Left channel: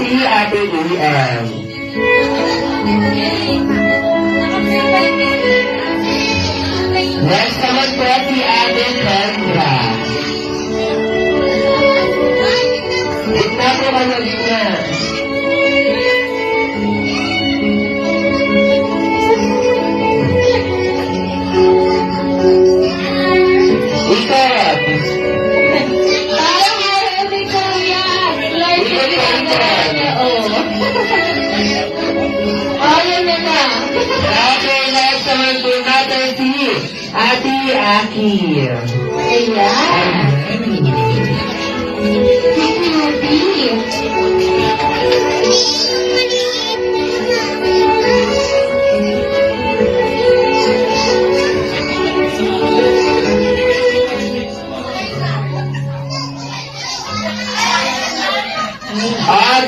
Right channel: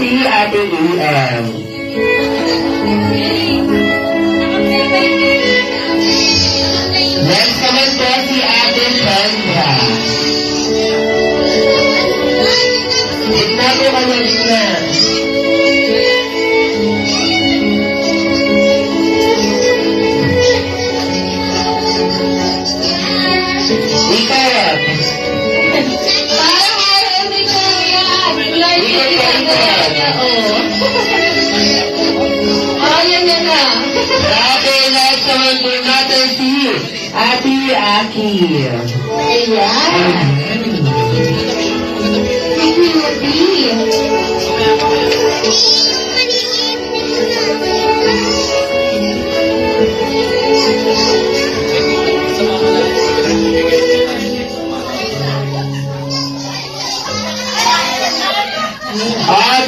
si Ate Ian. Next naman po si Ate Sandra. Ito po kayo dito. Ikot. Okay, next naman po natin si Ate Aki.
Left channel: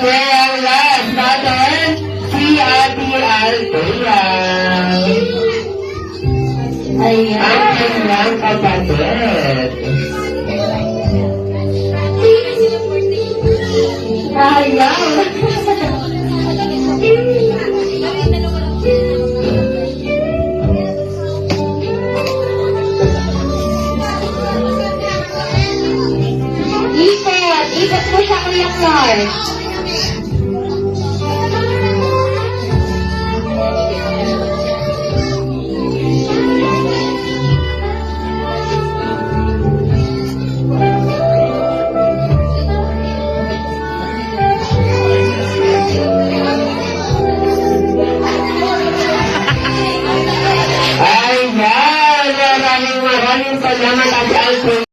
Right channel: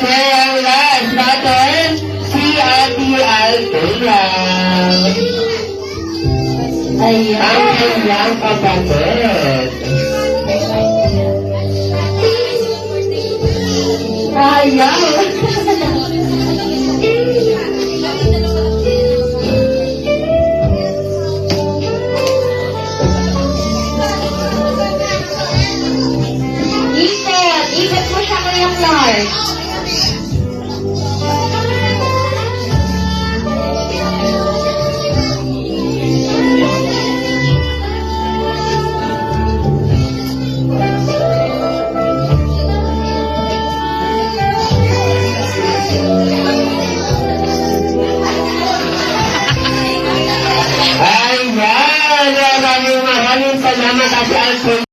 Okay, ang last natin, si Ate Althea. Ang kanyang kapatid. Ikot mo siya kaya, Flor.